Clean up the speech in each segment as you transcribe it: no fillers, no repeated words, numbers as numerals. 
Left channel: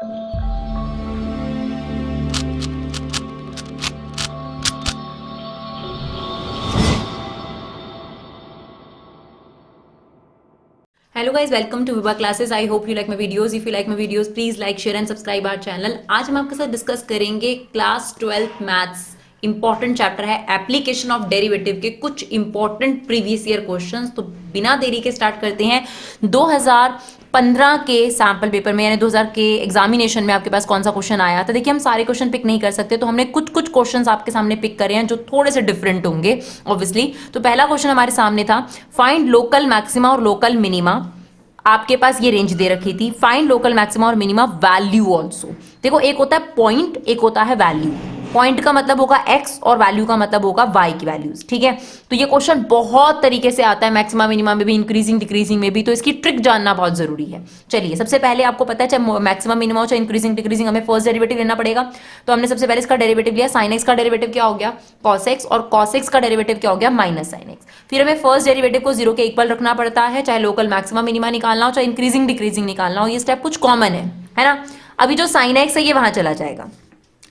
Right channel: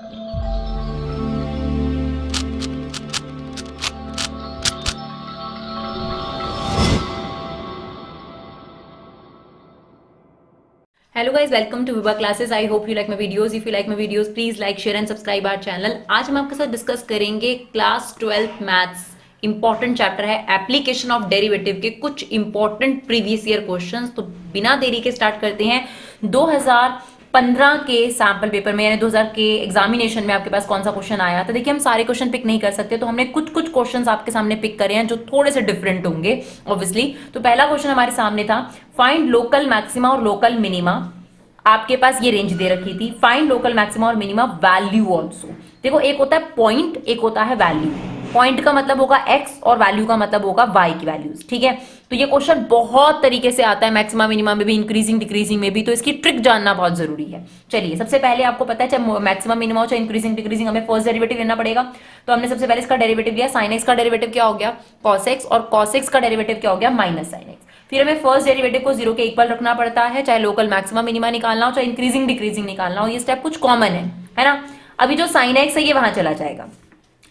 Hello guys, welcome to Viva Classes. I hope you like my videos. If you like my videos, please like, share and subscribe our channel. आज हम आपके साथ discuss करेंगे class 12th maths important chapter है application of derivative के कुछ important previous year questions. तो बिना देरी के स्टार्ट करते हैं। 2015 के सैंपल पेपर में यानी 2000 के एग्जामिनेशन में आपके पास कौन सा क्वेश्चन आया था। देखिए हम सारे क्वेश्चन पिक नहीं कर सकते, तो हमने कुछ कुछ क्वेश्चंस आपके सामने पिक करे हैं जो थोड़े से डिफरेंट होंगे ऑब्वियसली। तो पहला क्वेश्चन हमारे सामने था, फाइंड लोकल मैक्सिमा और लोकल मिनिमा। आपके पास ये रेंज दे रखी थी, फाइंड लोकल मैक्सिमा और मिनिमा वैल्यू ऑल्सो। देखो एक होता है पॉइंट, एक होता है वैल्यू। पॉइंट का मतलब होगा x और वैल्यू का मतलब होगा y की वैल्यूज। ठीक है, तो ये क्वेश्चन बहुत तरीके से आता है, मैक्सिमा मिनिमा में भी, इंक्रीजिंग डिक्रीजिंग में भी, तो इसकी ट्रिक जानना बहुत जरूरी है। चलिए सबसे पहले आपको पता है चाहे मैक्सिमा मिनिमा हो चाहे इंक्रीजिंग डिक्रीजिंग, हमें फर्स्ट डेरिवेटिव लेना पड़ेगा। तो हमने सबसे पहले इसका डेरिवेटिव लिया, साइन एक्स का डेरिवेटिव क्या हो गया कॉस एक्स, और कॉस एक्स का डेरिवेटिव क्या हो गया माइनस साइन एक्स। फिर हमें फर्स्ट डेरिवेटिव को 0 के इक्वल रखना पड़ता है, चाहे लोकल मैक्सिमा मिनिमा निकालना हो चाहे इंक्रीजिंग डिक्रीजिंग निकालना हो। ये स्टेप कुछ कॉमन है ना। अभी जो साइन एक्स है ये वहां चला जाएगा।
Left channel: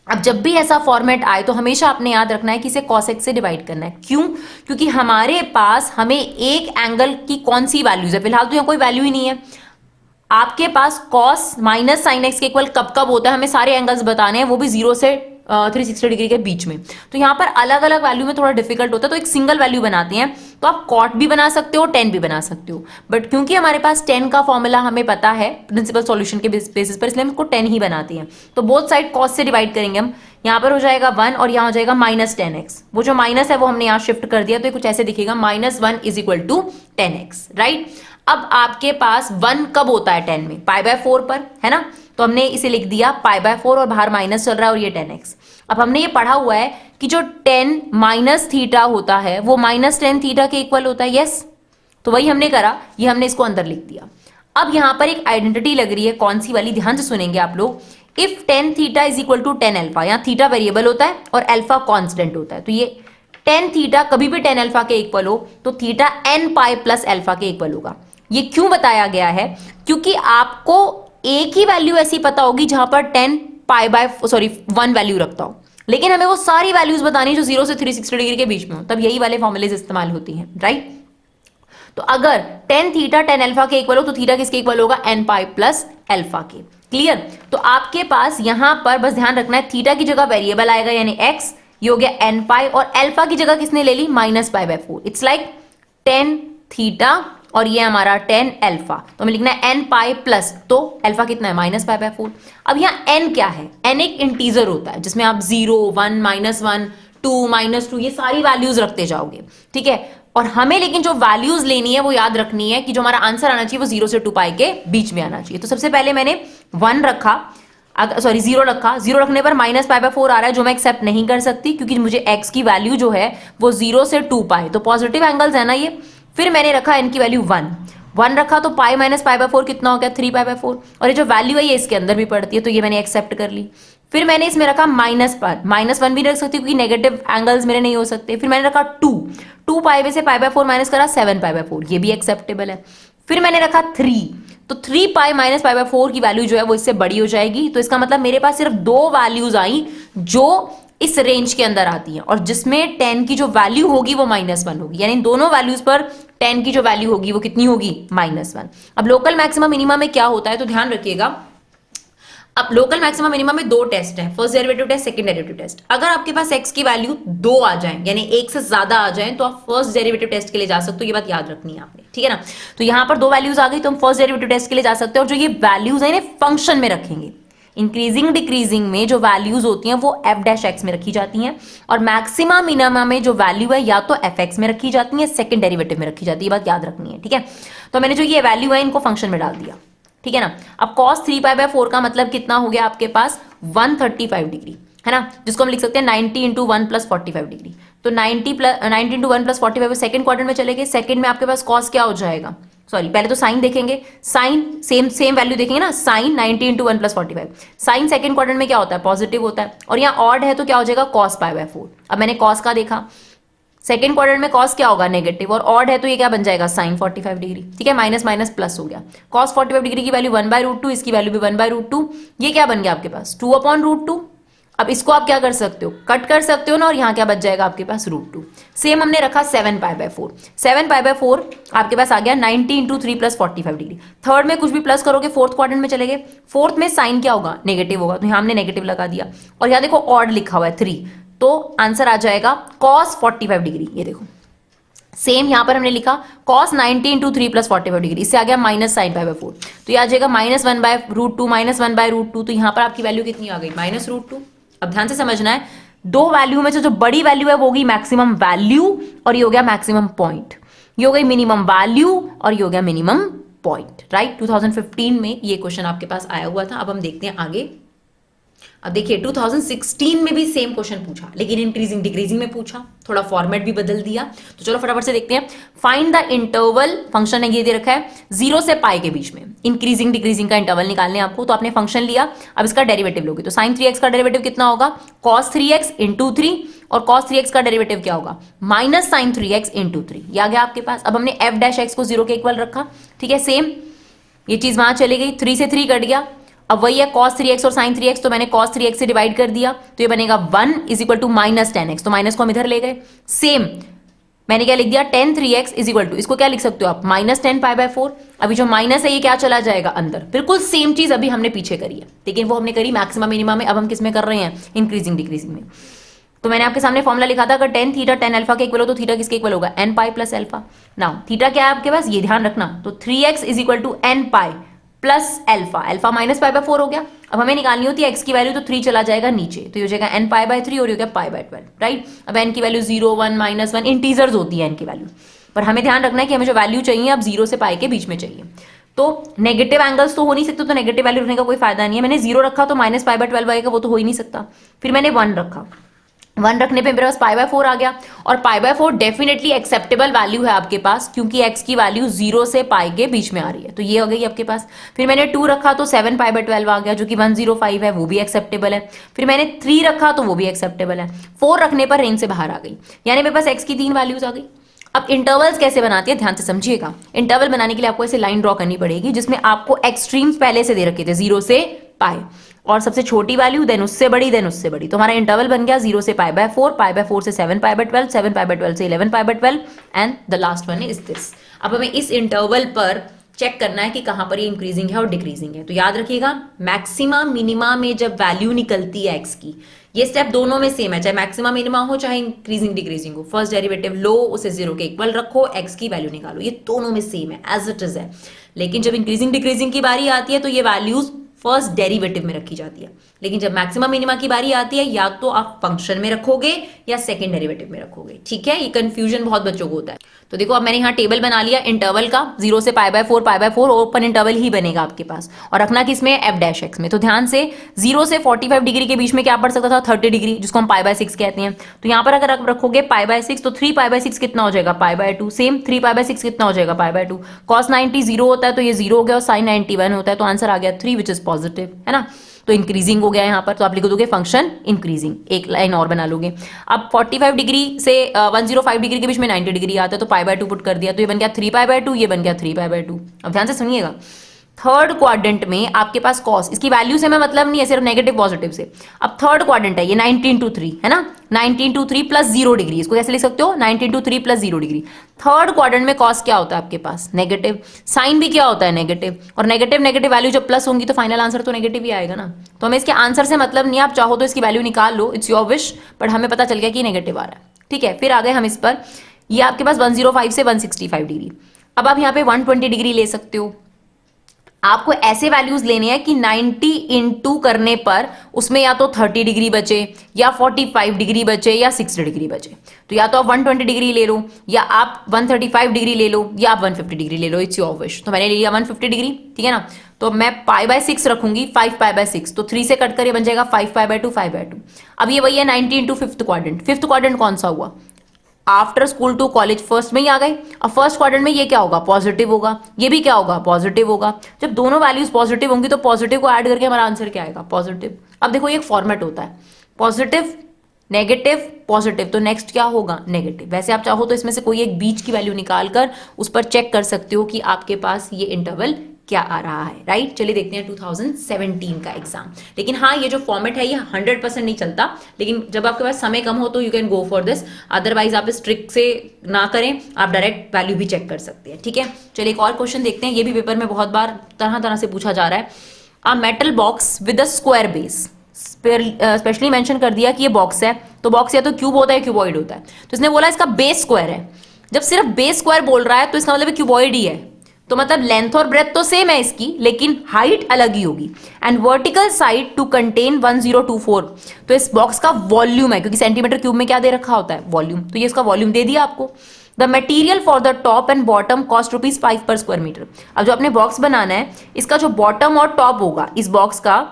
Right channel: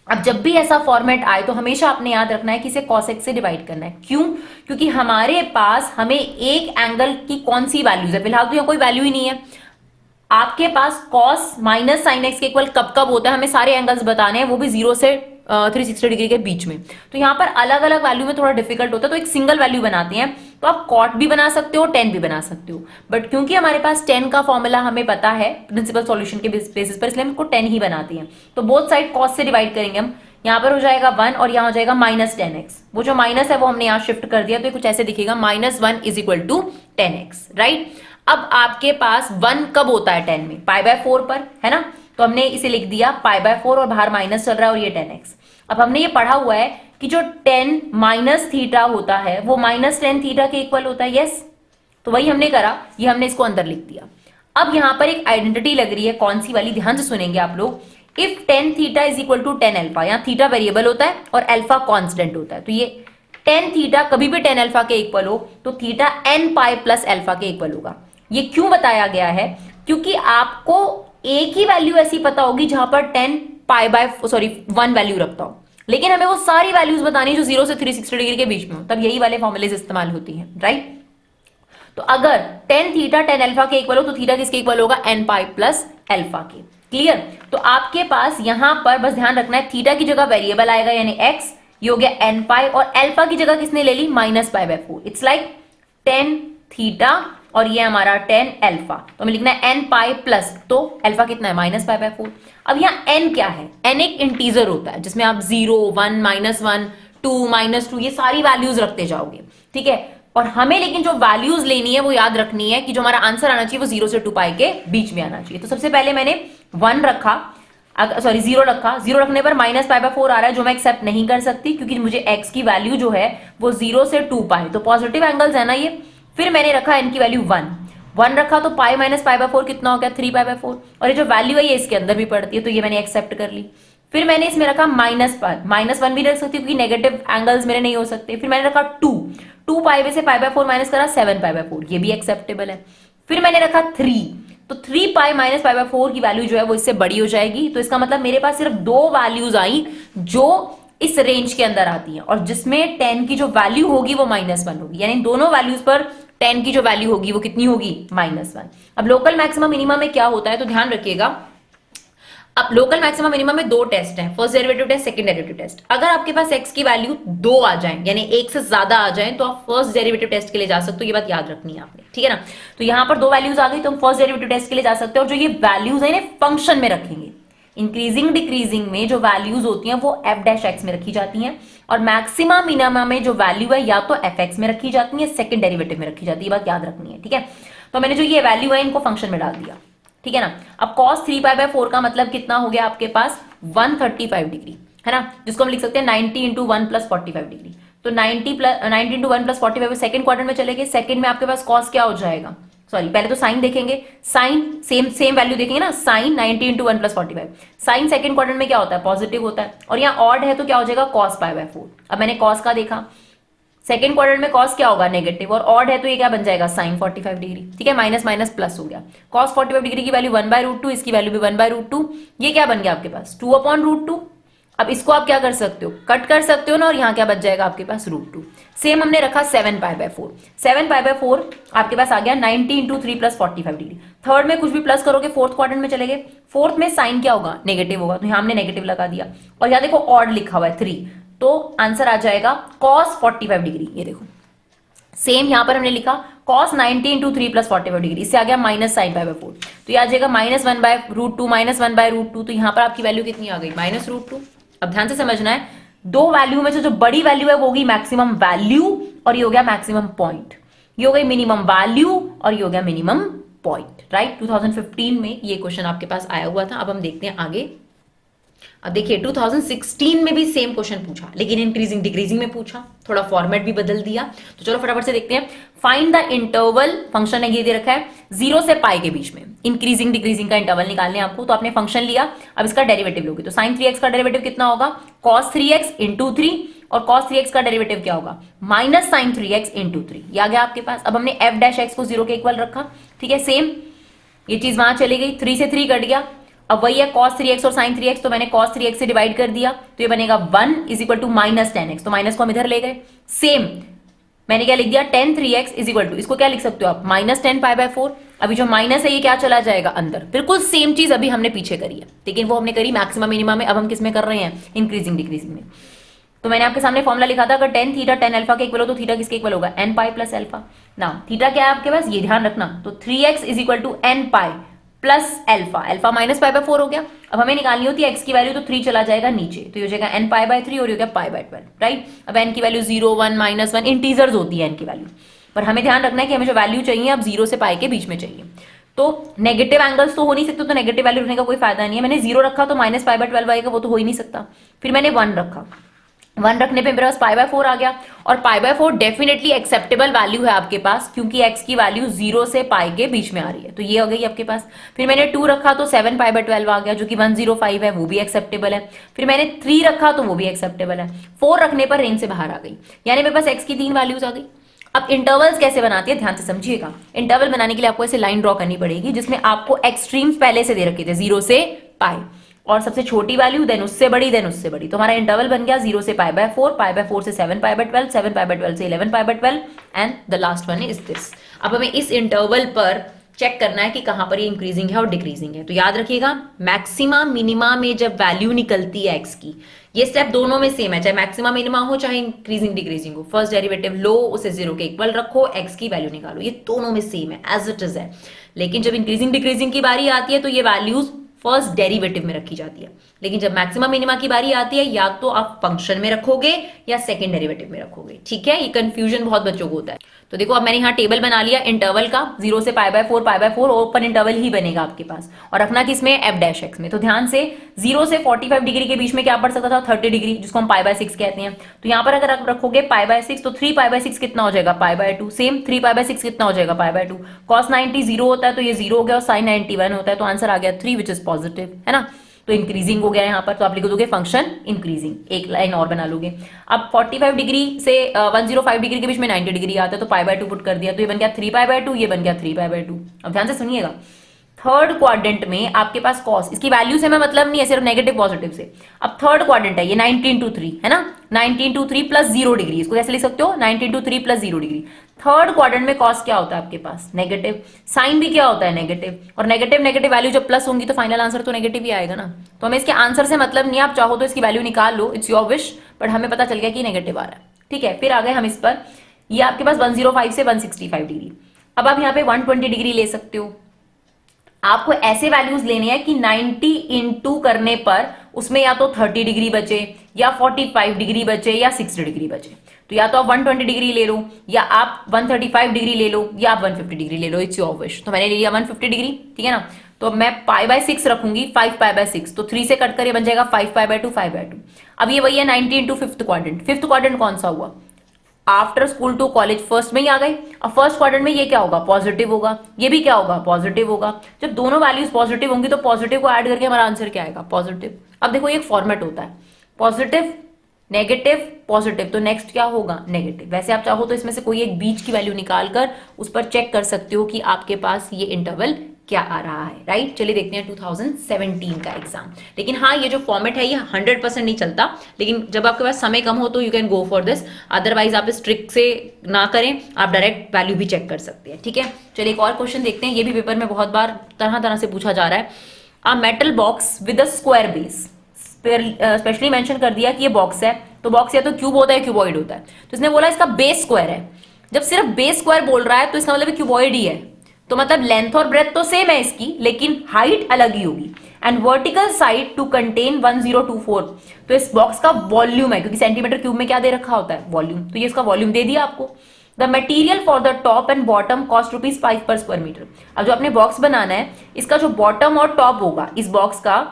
अब जब भी ऐसा फॉर्मेट आए तो हमेशा आपने याद रखना है कि इसे cos x से डिवाइड करना है। क्यों? क्योंकि हमारे पास हमें एक एंगल की कौन सी वैल्यूज है, फिलहाल तो यहाँ कोई वैल्यू ही नहीं है। आपके पास cos माइनस साइन एक्स के इक्वल कब कब होता है, हमें सारे एंगल्स बताने हैं, वो भी 0 से 360 डिग्री के बीच में। तो यहाँ पर अलग अलग वैल्यू में थोड़ा डिफिकल्ट होता है, तो एक सिंगल वैल्यू बनाते हैं। तो आप कॉट भी बना सकते हो, 10 भी बना सकते हो, बट क्योंकि हमारे पास 10 का फॉर्मूला हमें पता है प्रिंसिपल सॉल्यूशन के बेसिस पर, इसलिए हम इसको 10 ही बनाते हैं। तो बोथ साइड कॉस से डिवाइड करेंगे हम, यहाँ पर हो जाएगा 1 और यहाँ हो जाएगा माइनस 10x। वो जो माइनस है वो हमने यहाँ शिफ्ट कर दिया, तो ये कुछ ऐसे दिखेगा, -1 is equal to 10x, right. अब आपके पास 1 कब होता है 10 में, π/4 पर, है ना। तो हमने इसे लिख दिया π/4 और बाहर माइनस चल रहा है और ये 10x। अब हमने ये पढ़ा हुआ है कि जो 10 माइनस थीटा होता है वो -10 थीटा के इक्वल होता है, यस। तो वही हमने करा, ये हमने इसको अंदर लिख दिया। अब यहां पर एक आइडेंटिटी लग रही है, कौन सी वाली, ध्यान से सुनेंगे आप लोग। If tan theta is equal to tan alpha, यहाँ थीटा वेरिएबल होता है और अल्फा कांस्टेंट होता है, तो ये tan थीटा कभी भी tan अल्फा के इक्वल हो तो theta n pi plus alpha के इक्वल होगा। ये क्यों बताया गया है? क्योंकि आपको एक ही वैल्यू ऐसी पता होगी जहां पर 1 वैल्यू रखता हो, लेकिन हमें वो सारी वैल्यूज बतानी जो 0 से 360 डिग्री के बीच में हो, तब यही वाले फॉर्मूलेज इस्तेमाल होती हैं, राइट। तो अगर tan थीटा tan अल्फा के इक्वल हो तो थीटा किसके इक्वल होगा, n पाई प्लस अल्फा के। क्लियर? तो आपके पास यहां पर बस ध्यान रखना है, थीटा की जगह वेरिएबल आएगा यानी x, ये हो गया n पाई, और अल्फा की जगह किसने ले ली, -π/4। इट्स लाइक tan थीटा और ये हमारा tan अल्फा, तो हमें लिखना है n पाई प्लस, तो अल्फा कितना है -π/4। अब यहाँ n क्या है, n एक इंटीजर होता है जिसमें आप 0, 1, -1, 2, -2 ये सारी वैल्यूज रखते जाओगे, ठीक है। और हमें लेकिन जो वैल्यूज लेनी है वो याद रखनी है कि जो हमारा आंसर आना चाहिए वो 0 से 2 पाई के बीच में आना चाहिए। तो सबसे पहले मैंने 1 रखा, सॉरी 0 रखा, 0 रखने पर -π/4 आ रहा है जो मैं एक्सेप्ट नहीं कर सकती क्योंकि मुझे x की वैल्यू जो है वो 0 से 2 पाई, तो पॉजिटिव एंगल्स है ना ये। फिर मैंने रखा n की वैल्यू 1 रखा, तो पाई माइनस π/4 कितना हो गया, 3π/4, और ये जो वैल्यू है ये इसके अंदर भी पड़ती है, तो ये मैंने एक्सेप्ट कर ली। फिर मैंने इसमें रखा माइनस पर, -1 भी रख सकती हूँ क्योंकि नेगेटिव एंगल्स मेरे नहीं हो सकते। फिर मैंने रखा 2 पाई में से π/4 माइनस करा 7π/4, ये भी एक्सेप्टेबल है। फिर मैंने रखा 3, तो 3 पाई माइनस π/4 की वैल्यू जो है वो इससे बड़ी हो जाएगी, तो इसका मतलब मेरे पास सिर्फ 2 वैल्यूज आई जो इस रेंज के अंदर आती है, और जिसमें 10 की जो वैल्यू होगी वो -1 होगी, यानी दोनों वैल्यूज पर 10 की जो वैल्यू होगी वो कितनी होगी, -1। अब लोकल मैक्सिमम मिनिमम में क्या होता है, तो ध्यान रखिएगा। अब लोकल मैक्सिमम मिनिमम में 2 टेस्ट हैं, first derivative test, second derivative test. अगर आपके पास x की वैल्यू 2 आ जाए यानी 1 से ज्यादा आ जाए तो आप फर्स्ट डेरिवेटिव टेस्ट के लिए जा सकते हो, ये बात याद रखनी है आपने, ठीक है ना। तो यहां पर 2 वैल्यूज आ गई तो हम फर्स्ट डेरिवेटिव टेस्ट के लिए जा सकते हैं, और जो ये वैल्यूज है फंक्शन में रखेंगे। इंक्रीजिंग डिक्रीजिंग में जो वैल्यूज होती हैं वो f' में रखी जाती हैं, और मैक्सिमम मिनिमम में जो वैल्यू है या तो fx में रखी जाती है, सेकंड डेरिवेटिव में रखी जाती है, ये बात याद रखनी है, ठीक है। तो मैंने जो ये वैल्यू है इनको फंक्शन में डाल दिया, ठीक है ना। अब cos 3π/4 का मतलब कितना हो गया आपके पास, 135 डिग्री, है ना, जिसको हम लिख सकते हैं 90 × 1 + 45 डिग्री। तो 90 × 1 + 45 सेकंड क्वाड्रेंट में चले गए। सेकंड में आपके पास cos क्या हो जाएगा, सॉरी पहले तो साइन देखेंगे, साइन सेम वैल्यू देखेंगे ना, साइन 90 × 1 + 45। साइन सेकंड क्वाड्रेंट में क्या होता है, पॉजिटिव होता है, और यहाँ ऑड है तो क्या हो जाएगा cos π/4। अब मैंने cos का देखा, सेकंड क्वाड्रेंट में कॉस क्या होगा नेगेटिव, और ऑड है तो ये क्या बन जाएगा साइन 45 डिग्री, ठीक है, माइनस माइनस प्लस हो गया, कॉस 45 डिग्री की वैल्यू 1/√2, इसकी वैल्यू भी 1/√2, ये क्या बन गया आपके पास 2/√2। अब इसको आप क्या कर सकते हो, कट कर सकते हो ना, और यहाँ क्या बच जाएगा आपके पास √2। सेम हमने रखा 7π/4, 7π/4 आपके पास आ गया 90 इंटू 3 प्लस 45 डिग्री। थर्ड में कुछ भी प्लस करोगे फोर्थ क्वाड्रेंट में चले गए, फोर्थ में साइन क्या होगा नेगेटिव होगा, तो यहाँ हमने नेगेटिव लगा दिया, और यहाँ देखो ऑड लिखा हुआ है 3, तो आंसर आ जाएगा cos 45 डिग्री। ये देखो सेम यहां पर हमने लिखा cos 90 इंटू 3 प्लस 45 डिग्री, इससे आ गया माइनस साइन π/4, तो ये आ जाएगा -1/√2 -1/√2, तो यहां पर आपकी वैल्यू कितनी आ गई -√2। अब ध्यान से समझना है, दो वैल्यू में से जो बड़ी वैल्यू है वो होगी मैक्सिमम वैल्यू, और ये हो गया मैक्सिमम पॉइंट, ये हो गई मिनिमम वैल्यू, और ये हो गया मिनिमम पॉइंट, राइट। 2015 में ये क्वेश्चन आपके पास आया हुआ था। अब हम देखते हैं आगे। अब देखिए 2016 में भी सेम क्वेश्चन पूछा, लेकिन इंक्रीजिंग डिक्रीजिंग में पूछा, थोड़ा फॉर्मेट भी बदल दिया। तो चलो फटाफट से देखते हैं। फाइंड द इंटरवल, फंक्शन है ये दे रखा है 0 से पाई के बीच में, इंक्रीजिंग डिक्रीजिंग का इंटरवल निकालने आपको। तो आपने फंक्शन लिया, अब इसका डेरिवेटिव लोगे, तो sin 3x का डेरिवेटिव कितना होगा cos 3x इंटू 3, और cos 3x का डेरिवेटिव क्या होगा माइनस sin 3x इंटू 3, ये आ गया आपके पास। अब हमने f' को 0 के इक्वल रखा, ठीक है, सेम ये चीज वहां चली गई, 3 से 3 कट गया, अब वही है cos 3x और sin 3x, तो मैंने cos 3x से डिवाइड कर दिया, तो ये बनेगा 1 is equal to minus 10x, तो माइनस को हम इधर ले गए। सेम मैंने क्या लिख दिया tan 3x is equal to, इसको क्या लिख सकते हो आप -10π/4, अभी जो माइनस है ये क्या चला जाएगा अंदर, बिल्कुल सेम चीज अभी हमने पीछे करी है, लेकिन वो हमने करी मैक्सिमम मिनिमम में, अब हम किस में कर रहे हैं इंक्रीजिंग डिक्रीजिंग में। तो मैंने आपके सामने फॉर्मुला लिखा था, अगर tan थीटा tan अल्फा के इक्वल हो तो थीटा किसके इक्वल होगा nπ प्लस अल्फा ना, थीटा क्या है आपके पास ये ध्यान रखना, तो 3x is equal to nπ plus alpha, alpha -π/4 हो गया। अब हमें निकालनी होती है x की वैल्यू, तो 3 चला जाएगा नीचे, तो ये हो जाएगा nπ/3 और ये हो गया π/12, राइट। अब n की वैल्यू 0 1 -1 इंटीजर्स होती है n की वैल्यू, पर हमें ध्यान रखना है कि हमें जो वैल्यू चाहिए अब 0 से पाई के बीच में चाहिए, तो नेगेटिव एंगल्स तो हो नहीं सकते, तो नेगेटिव वैल्यू रखने का कोई फायदा नहीं है। मैंने 0 रखा तो -π/12 आएगा, वो तो हो ही नहीं सकता। फिर मैंने 1 रखा, 1 रखने पे मेरे पास π/4 आ गया, और π/4 डेफिनेटली एक्सेप्टेबल वैल्यू है आपके पास, क्योंकि x की वैल्यू 0 से पाई के बीच में आ रही है, तो ये हो गई आपके पास। फिर मैंने 2 रखा तो 7π/12 आ गया, जो कि 105 है, वो भी एक्सेप्टेबल है। फिर मैंने 3 रखा तो वो भी एक्सेप्टेबल है। 4 रखने पर रेंज से बाहर आ गई, यानी मेरे पास x की 3 वैल्यूज आ गई। अब इंटरवल्स कैसे बनाती है ध्यान से समझिएगा। इंटरवल बनाने के लिए आपको ऐसे लाइन ड्रॉ करनी पड़ेगी, जिसमें आपको एक्सट्रीम्स पहले से दे रखे थे 0 से पाई, और सबसे छोटी वैल्यू देन उससे बड़ी देन उससे बड़ी, तो हमारा इंटरवल बन गया 0 से π/4, π/4 से 7π/12, 7π/12 से 11π/12, and the last one is this. अब हमें इस इंटरवल पर चेक करना है कि कहां पर ये इंक्रीजिंग है और डिक्रीजिंग है। तो याद रखिएगा मैक्सिमा मिनिमा में जब वैल्यू निकलती है एक्स की, ये स्टेप दोनों में सेम है, चाहे मैक्सिमा मिनिमा हो चाहे इंक्रीजिंग डिक्रीजिंग हो। फर्स्ट डेरिवेटिव लो, उसे 0 के इक्वल रखो, एक्स की वैल्यू निकालो, ये दोनों में सेम है, एज इट इज है। लेकिन जब इंक्रीजिंग डिक्रीजिंग की बारी आती है तो ये वैल्यूज फर्स्ट डेरिवेटिव में रखी जाती है, लेकिन जब मैक्सिमम मिनिमा की बारी आती है या तो आप फंक्शन में रखोगे या सेकंड डेरिवेटिव में रखोगे, ठीक है। ये कंफ्यूजन बहुत बच्चों को होता है। तो देखो अब मैंने यहाँ टेबल बना लिया इंटरवल का, 0 से π/4 ओपन इंटरवल ही बनेगा आपके पास, और रखना किसमें f' में। तो ध्यान से 0 से 45 डिग्री के बीच में क्या पड़ सकता था 30 डिग्री, जिसको हम π/6 कहते हैं। तो यहाँ पर अगर आप रखोगे π/6 तो 3π/6 कितना हो जाएगा π/2, सेम 3π/6 कितना हो जाएगा π/2। cos 90 0 होता है तो ये 0 हो गया, और sin 90 1 होता है, तो आंसर आ गया 3 विच इज पॉजिटिव, है ना। तो इंक्रीजिंग हो गया यहाँ पर, तो आप लिख दोगे फंक्शन इंक्रीजिंग, एक लाइन और बना लोगे। अब 45 डिग्री से 105 डिग्री के बीच में 90 डिग्री आता है, तो π/2 पुट कर दिया, तो ये बन गया 3π/2, ये बन गया 3π/2। अब ध्यान से सुनिएगा, थर्ड क्वाड्रेंट में आपके पास कॉस, इसकी वैल्यू से हमें मतलब नहीं है, सिर्फ नेगेटिव पॉजिटिव से। अब थर्ड क्वाड्रेंट है ये 90 इंटू 3 है ना, 90 इंटू 3 प्लस 0 डिग्री, इसको कैसे लिख सकते हो 90 into 3 plus 0 degree. Third quadrant में कॉस क्या होता है आपके पास नेगेटिव, साइन भी क्या होता है नेगेटिव, और नेगेटिव नेगेटिव वैल्यू जब प्लस होंगी तो फाइनल आंसर तो नेगेटिव ही आएगा ना। तो हमें इसके आंसर से मतलब नहीं, आप चाहो तो इसकी वैल्यू निकाल लो, इट्स योर विश, बट हमें पता चल गया कि नेगेटिव आ रहा है, ठीक है। फिर आ गए हम इस पर, ये आपके पास 105 से 165 डिग्री। अब आप यहाँ पे 120 डिग्री ले सकते हो, आपको ऐसे वैल्यूज लेने हैं कि 90 इंटू करने पर उसमें या तो 30 डिग्री बचे, या 45 डिग्री बचे, या 60 डिग्री बचे। तो या तो आप 120 डिग्री ले लो, या आप 135 डिग्री ले लो, या आप 150 डिग्री ले लो, इट्स योर विश। तो मैंने ले लिया 150 डिग्री, ठीक है ना। तो मैं π/6 रखूंगी, 5π/6, तो 3 से कट कर ये बन जाएगा 5π/2, 5/2। अब ये वही है 90 into fifth quadrant. Fifth quadrant कौन सा हुआ, after school to college first में ही आ गए। अब फर्स्ट क्वाड्रेंट में ये क्या होगा पॉजिटिव होगा, ये भी क्या होगा पॉजिटिव होगा। जब दोनों वैल्यूज पॉजिटिव होंगी तो पॉजिटिव को ऐड करके हमारा आंसर क्या आएगा पॉजिटिव। अब देखो ये एक फॉर्मेट होता है, पॉजिटिव नेगेटिव पॉजिटिव, तो नेक्स्ट क्या होगा नेगेटिव। वैसे आप चाहो तो इसमें से कोई एक बीच की वैल्यू निकाल कर उस पर चेक कर सकते हो कि आपके पास ये इंटरवल क्या आ रहा है, राइट। चलिए देखते हैं 2017 का एग्जाम। लेकिन हाँ, ये जो फॉर्मेट है ये 100% नहीं चलता, लेकिन जब आपके पास समय कम हो तो you can go for this, otherwise आप इस ट्रिक से ना करें, आप डायरेक्ट वैल्यू भी चेक कर सकते हैं, ठीक है। चलिए एक और क्वेश्चन देखते हैं, ये भी पेपर में बहुत बार तरह तरह से पूछा जा रहा है। A metal box with a square base, specially mention कर दिया कि ये बॉक्स है, तो बॉक्स या तो क्यूब होता है क्यूबॉइड होता है, तो इसने बोला इसका बेस स्क्वायर है। जब सिर्फ बेस स्क्वायर बोल रहा है तो इसका मतलब क्यूबॉइड ही है, तो मतलब लेंथ और ब्रेथ तो सेम है इसकी, लेकिन हाइट अलग ही होगी। And vertical side to contain 1024, तो इस बॉक्स का वॉल्यूम है, क्योंकि सेंटीमीटर क्यूब में क्या दे रखा होता है वॉल्यूम, तो ये इसका वॉल्यूम दे दिया आपको। The material for the top and bottom cost ₹5 पर स्क्वायर मीटर। अब जो आपने बॉक्स बनाना है, इसका जो बॉटम और टॉप होगा इस बॉक्स का,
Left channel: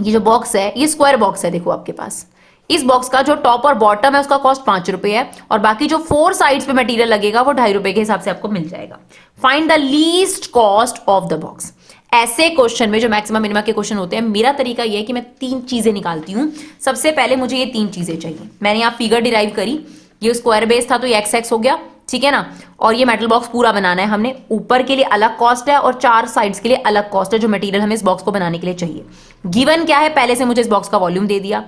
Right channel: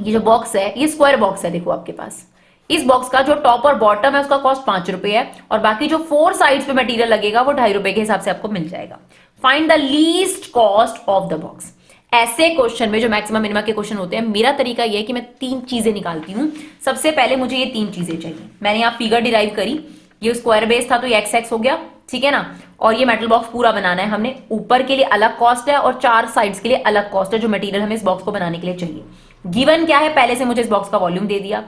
ये जो बॉक्स है ये स्क्वायर बॉक्स है, देखो आपके पास इस बॉक्स का जो टॉप और बॉटम है उसका कॉस्ट ₹5 है, और बाकी जो 4 साइड्स पे मटेरियल लगेगा वो ₹2.5 के हिसाब से आपको मिल जाएगा। Find the least cost of the box. ऐसे क्वेश्चन में जो मैक्सिमम मिनिमम के क्वेश्चन होते हैं, मेरा तरीका ये है कि मैं 3 चीजें निकालती हूं। सबसे पहले मुझे ये 3 चीजें चाहिए। मैंने यहाँ फिगर डिराइव करी, ये स्क्वायर बेस था तो ये एक्स हो गया, ठीक है ना। और ये मेटल बॉक्स पूरा बनाना है हमने, ऊपर के लिए अलग कॉस्ट है और 4 साइड्स के लिए अलग कॉस्ट है जो मटेरियल हमें इस बॉक्स को बनाने के लिए चाहिए। गिवन क्या है, पहले से मुझे इस बॉक्स का वॉल्यूम दे दिया।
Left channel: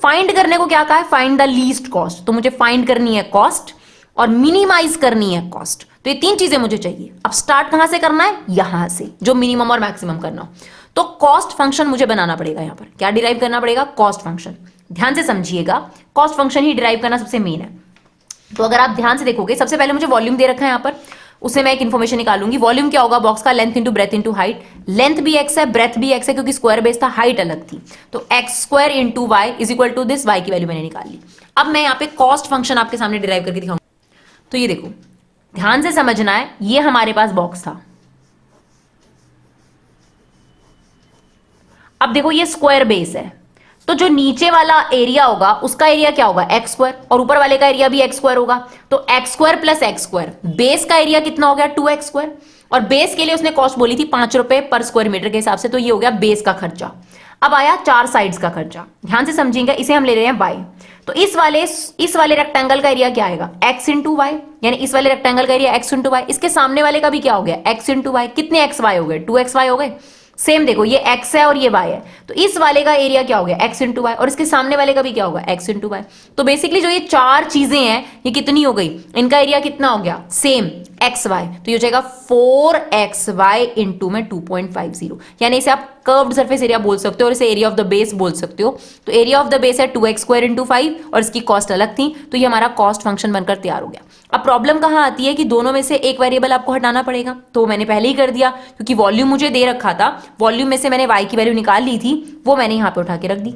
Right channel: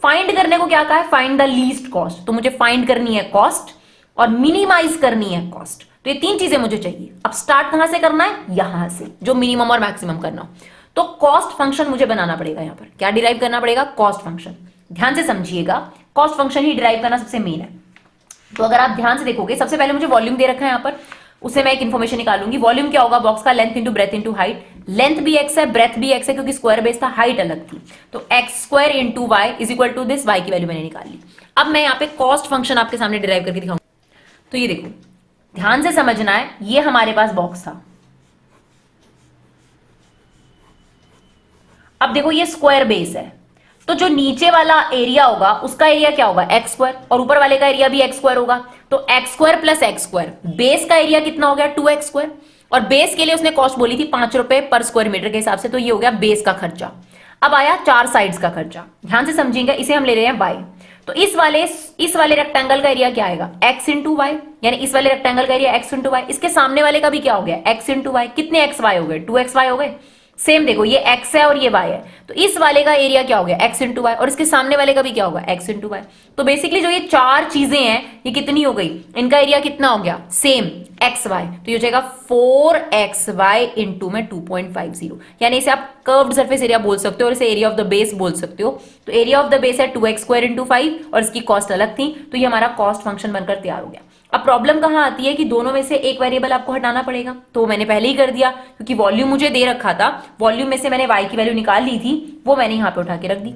फाइंड करने को क्या कहा है, फाइंड द लीस्ट कॉस्ट, तो मुझे फाइंड करनी है कॉस्ट और मिनिमाइज करनी है कॉस्ट। तो ये 3 चीजें मुझे चाहिए। अब स्टार्ट कहां से करना है, यहां से, जो मिनिमम और मैक्सिमम करना हो। तो कॉस्ट फंक्शन मुझे बनाना पड़ेगा। यहां पर क्या डिराइव करना पड़ेगा, कॉस्ट फंक्शन। ध्यान से समझिएगा, कॉस्ट फंक्शन ही डिराइव करना सबसे मेन है। तो अगर आप ध्यान से देखोगे, सबसे पहले मुझे वॉल्यूम दे रखा है यहाँ पर, उससे मैं एक इन्फॉर्मेशन निकालूंगी। वॉल्यूम क्या होगा, बॉक्स का length into breadth into height. Length भी एक्स है, ब्रेथ भी एक्स है, क्योंकि स्क्वायर बेस था, हाइट अलग थी, तो x square into y is equal to this, y की वैल्यू मैंने निकाल ली। अब मैं यहाँ पे कॉस्ट फंक्शन आपके सामने डिराइव करके दिखाऊंगा। तो ये देखो, ध्यान से समझना है, ये हमारे पास बॉक्स था। अब देखो ये स्क्वायर बेस है, तो जो नीचे वाला एरिया होगा उसका एरिया क्या होगा, एक्स स्क्वायर, और ऊपर वाले का एरिया भी एक्स स्क्वायर होगा। तो x square plus x square, base का एरिया कितना हो गया, 2x स्क्वायर। और बेस के लिए उसने कॉस्ट बोली थी ₹5 पर स्क्वायर मीटर के हिसाब से, तो ये हो गया बेस का खर्चा। अब आया 4 साइड्स का खर्चा। ध्यान से समझिएगा, इसे हम ले रहे हैं y। तो इस वाले रेक्टेंगल का एरिया क्या आएगा, x इंटू वाई, यानी इस वाले रेक्टेंगल का एरिया x इंटू वाई। इसके सामने वाले का भी क्या हो गया, x इंटू वाई। कितने x y हो गए, 2xy हो गए। सेम देखो, ये x है और ये y है, तो इस वाले का एरिया क्या हो गया, x इंटू वाई, और इसके सामने वाले का भी क्या होगा, x इंटू वाई। तो बेसिकली जो ये 4 चीजें हैं, ये कितनी हो गई, इनका एरिया कितना हो गया, सेम एक्स वाई। तो ये हो जाएगा 4xy इंटू में 2.50, यानी इसे आप कर्व्ड सरफेस एरिया बोल सकते हो और इसे एरिया ऑफ द बेस बोल सकते हो। तो एरिया ऑफ द बेस है 2x स्क्वायर इंटू 5, और इसकी कॉस्ट अलग थी, तो ये हमारा कॉस्ट फंक्शन बनकर तैयार हो गया। अब प्रॉब्लम कहां आती है कि दोनों में से एक वेरिएबल आपको हटाना पड़ेगा, तो मैंने पहले ही कर दिया, क्योंकि वॉल्यूम मुझे दे रखा था, वॉल्यूम में से मैंने y की वैल्यू निकाल ली थी, वो मैंने यहां पे उठा के रख दी,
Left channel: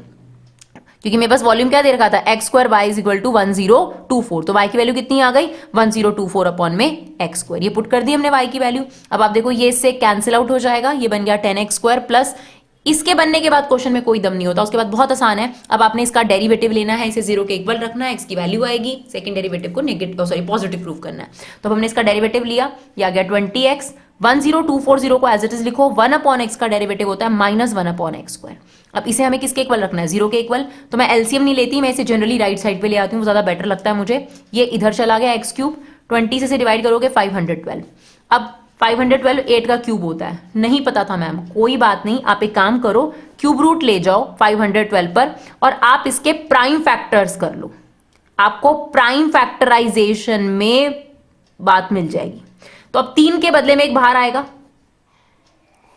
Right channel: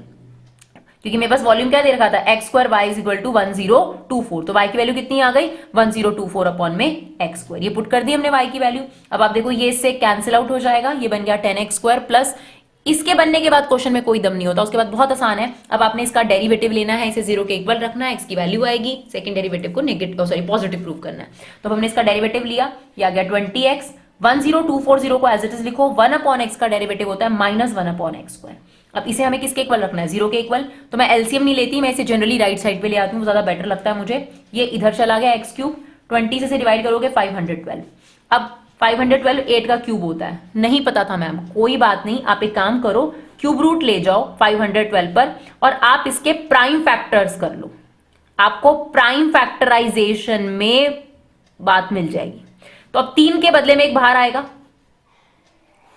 क्योंकि मेरे पास वॉल्यूम क्या दे रखा था, x square y is equal to 1024। तो y की वैल्यू कितनी आ गई, 1024 अपॉन में एक्स स्क्वायर। ये पुट कर दी हमने y की वैल्यू। अब आप देखो, ये इससे कैंसिल आउट हो जाएगा, ये बन गया 10x स्क्वायर प्लस, इसके बनने के बाद क्वेश्चन में कोई दम नहीं होता, उसके बाद बहुत आसान है। अब आपने इसका डेरिवेटिव लेना है, इसे 0 के इक्वल रखना है, x की वैल्यू आएगी, सेकंड डेरिवेटिव को पॉजिटिव प्रूव करना है। तो हमने इसका डेरिवेटिव लिया, ये आ गया 20x। 10240 को एज इट इज लिखो, 1 अपॉन एक्स का डेरिवेटिव होता है -1 अपॉन एक्स स्क्वायर। अब इसे हमें किसके इक्वल रखना है, 0 के इक्वल। तो मैं एलसीएम नहीं लेती, मैं इसे जनरली राइट साइड पे ले आती हूँ, ज्यादा बेटर लगता है मुझे। ये इधर चला गया x क्यूब, 20 से डिवाइड करोगे 512। अब 512 8 का क्यूब होता है, नहीं पता था मैम, कोई बात नहीं, आप एक काम करो, क्यूब रूट ले जाओ 512 पर, और आप इसके प्राइम फैक्टर्स कर लो, आपको प्राइम फैक्टराइजेशन में बात मिल जाएगी। तो अब 3 के बदले में 1 बाहर आएगा,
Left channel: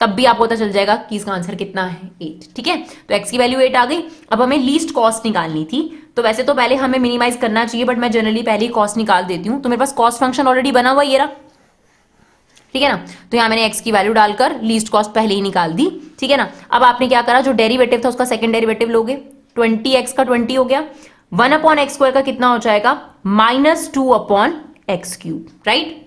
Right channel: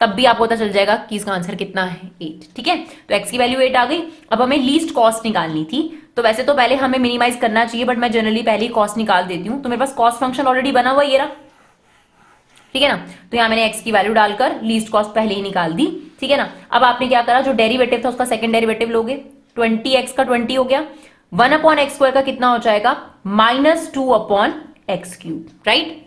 तब भी आपको पता चल जाएगा कि इसका आंसर कितना है, 8। ठीक है, तो x की वैल्यू 8 आ गई। अब हमें लीस्ट कॉस्ट निकालनी थी, तो वैसे तो पहले हमें मिनिमाइज करना चाहिए, बट मैं जनरली पहले ही कॉस्ट निकाल देती हूं। तो मेरे पास कॉस्ट फंक्शन ऑलरेडी बना हुआ, ये रहा, ठीक है ना। तो यहां मैंने x की वैल्यू डालकर लीस्ट कॉस्ट पहले ही निकाल दी, ठीक है ना। अब आपने क्या करा, जो डेरिवेटिव था उसका सेकंड डेरिवेटिव लोगे, 20x का 20 हो गया, 1 अपॉन एक्स स्क्वायर का कितना हो जाएगा, -2 अपॉन एक्स क्यूब, राइट।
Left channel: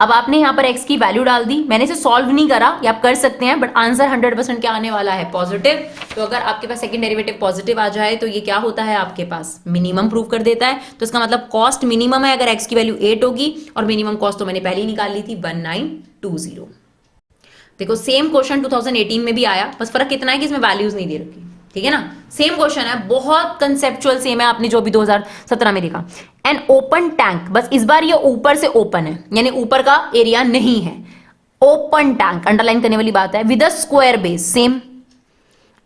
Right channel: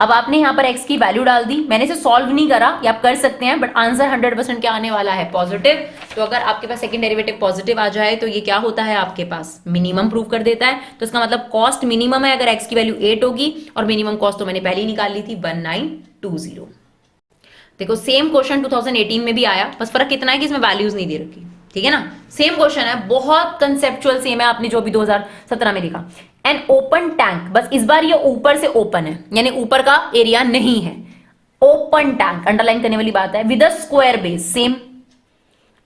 अब आपने यहां पर x की वैल्यू डाल दी, मैंने इसे सॉल्व नहीं करा, ये आप कर सकते हैं, बट आंसर 100% क्या आने वाला है, पॉजिटिव। तो अगर आपके पास सेकंड डेरिवेटिव पॉजिटिव आ जाए तो ये क्या होता है, आपके पास मिनिमम प्रूव कर देता है। तो इसका मतलब कॉस्ट मिनिमम है अगर x की वैल्यू 8 होगी, और मिनिमम कॉस्ट तो मैंने पहले ही निकाल ली थी 1920। देखो सेम क्वेश्चन 2018 में भी आया, बस फर्क इतना है कि इसमें वैल्यूज नहीं दे रखी, ठीक है ना। सेम क्वेश्चन है, बहुत कंसेप्चुअल सेम है, आपने जो भी 2017 में देखा। एन ओपन टैंक, बस इस बार ये ऊपर से ओपन है, यानी ऊपर का एरिया नहीं है, ओपन टैंक अंडरलाइन करने वाली बात है, with a square base same